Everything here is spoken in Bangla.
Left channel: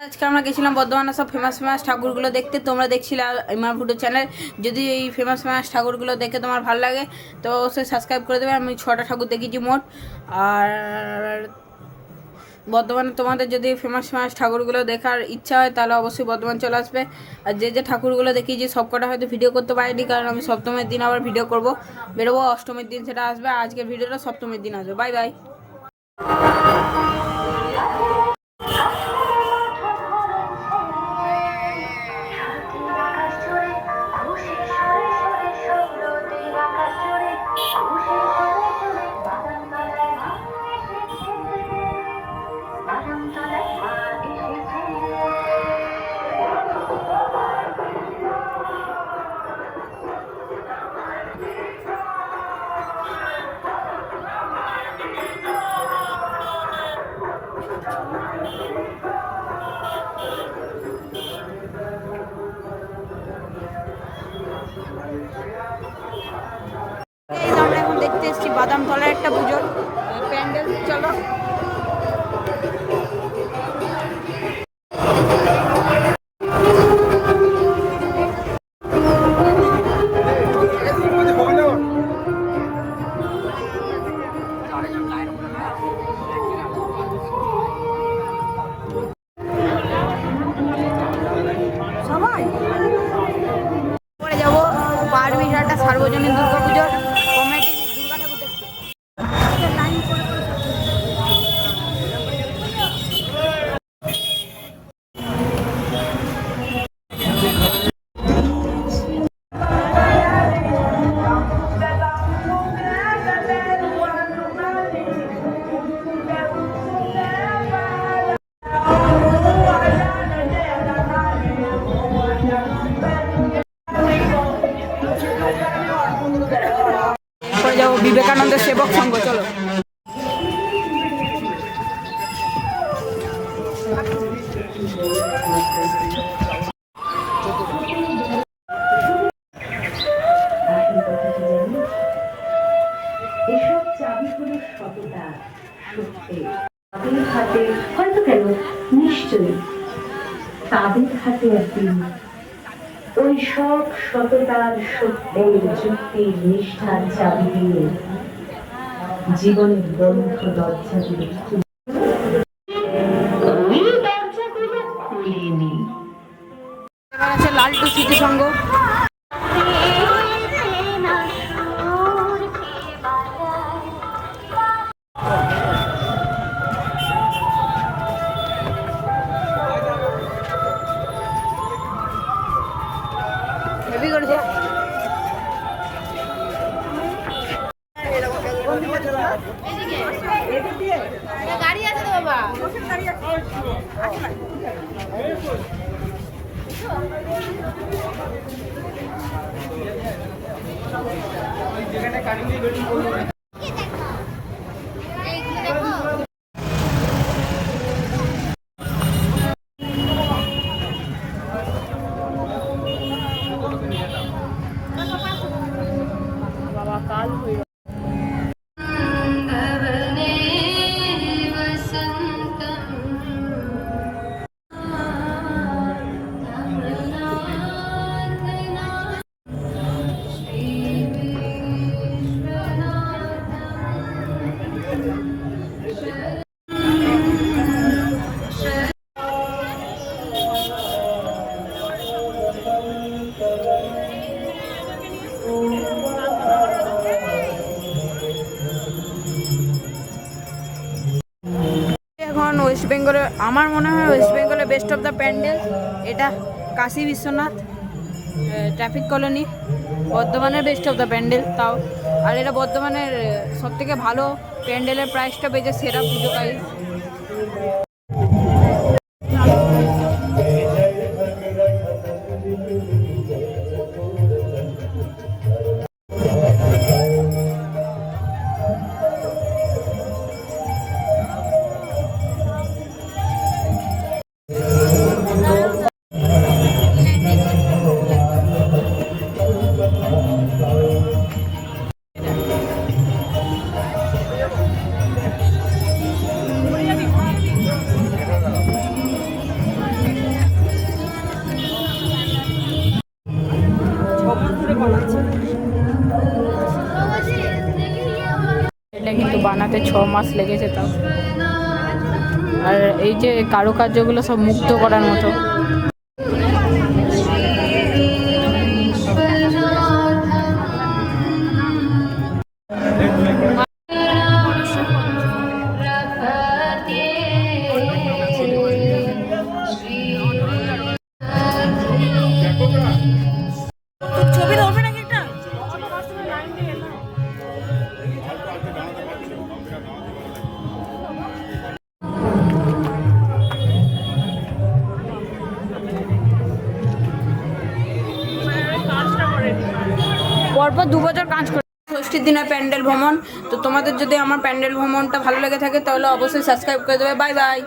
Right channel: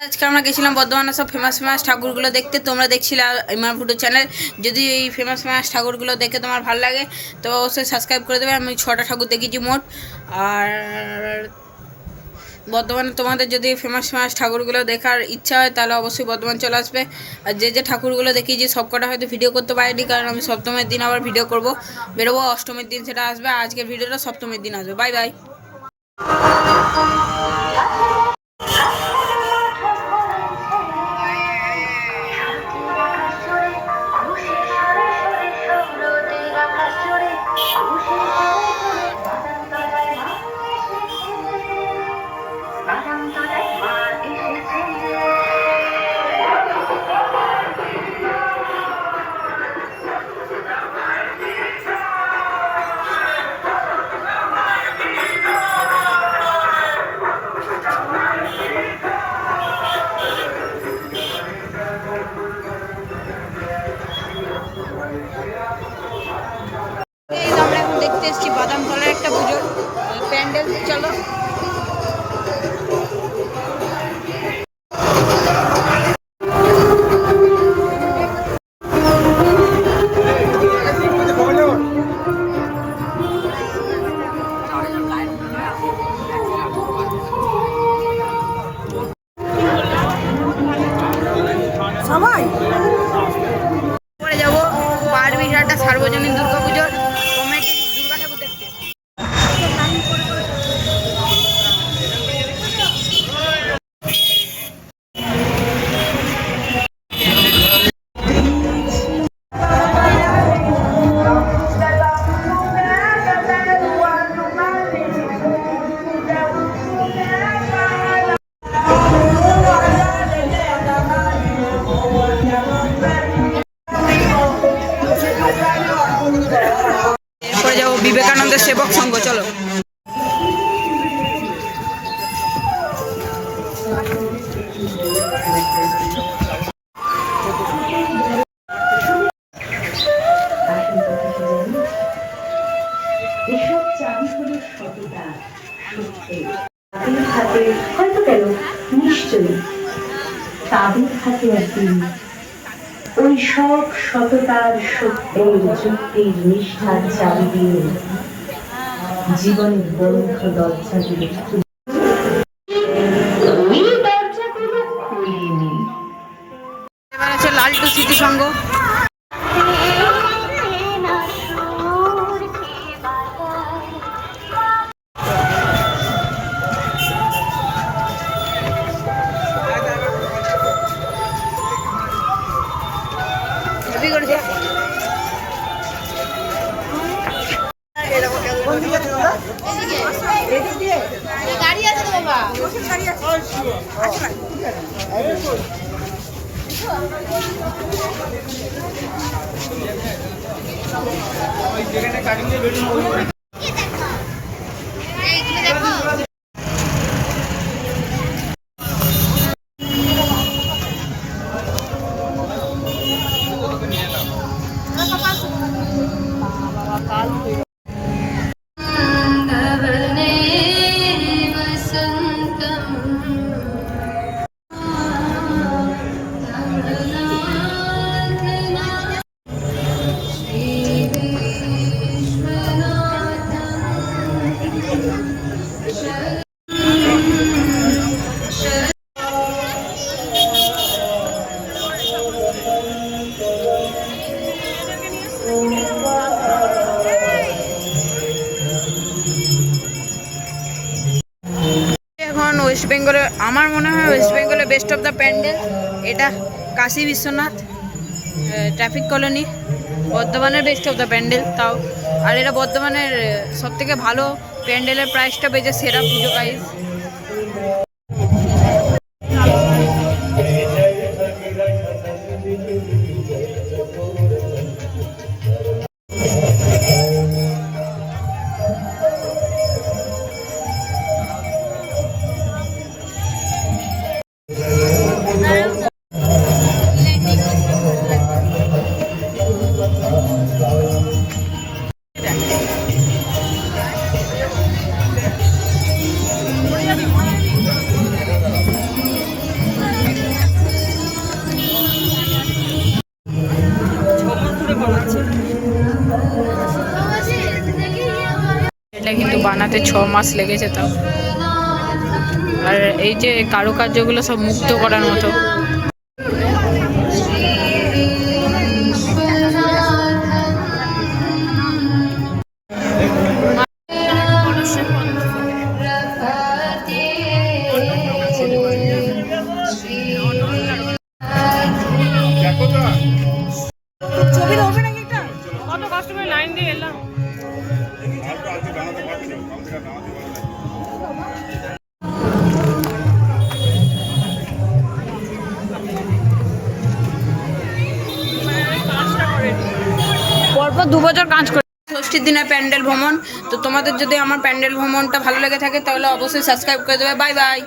আজকে আমরা গেছিলাম বর্ধমানের সব ফেমাস ফেমাস ঠাকুরগুলো দেখতে। তোমরা দেখছিলে ইমার ফুটো চ্যানেল। যদি এই ফেমাস ফেমাস ঠাকুরগুলো দেখে তোমার ভালো লাগে তো অবশ্যই সাবস্ক্রাইব করে দেবে। আমি 6টা ঠাকুর দেখেছি মোট। আর বর্ধমানে তোমাদের যদি ফেমাস ফেমাস ঠাকুরগুলো দেখার ইচ্ছা হয় তাহলে অবশ্যই বর্ধমান চলে আসবে। আর যে ঠাকুরগুলো দেখিয়েছি সব কটা হয়তো ভিডিও করতে পারিনি, কারণ আমি সপ্তমীর দিন আবার ভিডিও করবো, বেরোবো। অষ্টমীর দিন সেটা আসবে, আজকের ভিডিওটা সপ্তমীর দিন আসবে। Bye bye. আমরা এখন দেখতে এসেছি বাদামতলার একটা পুজোর প্যান্ডেল। চলো। সবাই পরে যাবো বারবিঘাটা সার্বজনীন দুর্গাপুজোর কমিটি দুর্গা ঠাকুর দেখতে। এরপরে যাবো বিবেকানন্দের সেবক সংঘ। চলো। এসব চাবি হলো সততা, সত্যের। তাদের হাতে হয়তো কেন নিশ্চয়ই তাদের হাতে একদিন ওই সব সততার, সত্যের, যুক্তির, নিষ্ঠার চাবি দিয়ে জীবনের বন্ধ দরজাগুলো ওই দরজাগুলো খুলিনি। এবার আছে লালটু স্মৃতি সংঘ। গাড়ি আছে তো বাবা, গাড়ি আছে। এখন ওয়েস্ট বেঙ্গলে আমার মনে হয় ওয়েস্ট বেঙ্গলে বেস্ট অফ দ্য প্যান্ডেল এটা কাশী বিশ্বনাথ ট্রাফিক কলোনি বর্ধমানের বেস্ট অফ দ্য প্যান্ডেল তাও। আর এটা বর্ধমানের সবথেকে ভালো প্যান্ডেলের প্রাইসটা পেয়েছে সেরা পুজো গাইজ। বানাতে 6 মাস লেগেছে তাও। আর এই যে কারুকার্যগুলো সব মুক্ত করার মতো। ছবি ধরবে নাকি একটা? কত কষ্ট করে লাইন দিয়ে এলাম। পরপর 2 বছর কাজ করে। ষষ্ঠীর দিনে প্যান্ডেল ভ্রমণ। তো তোমাদের যদি আমার প্যান্ডেল ভ্রমণটা ভালো লেগে থাকে তাহলে অবশ্যই সাবস্ক্রাইব করে দেবে। Bye bye.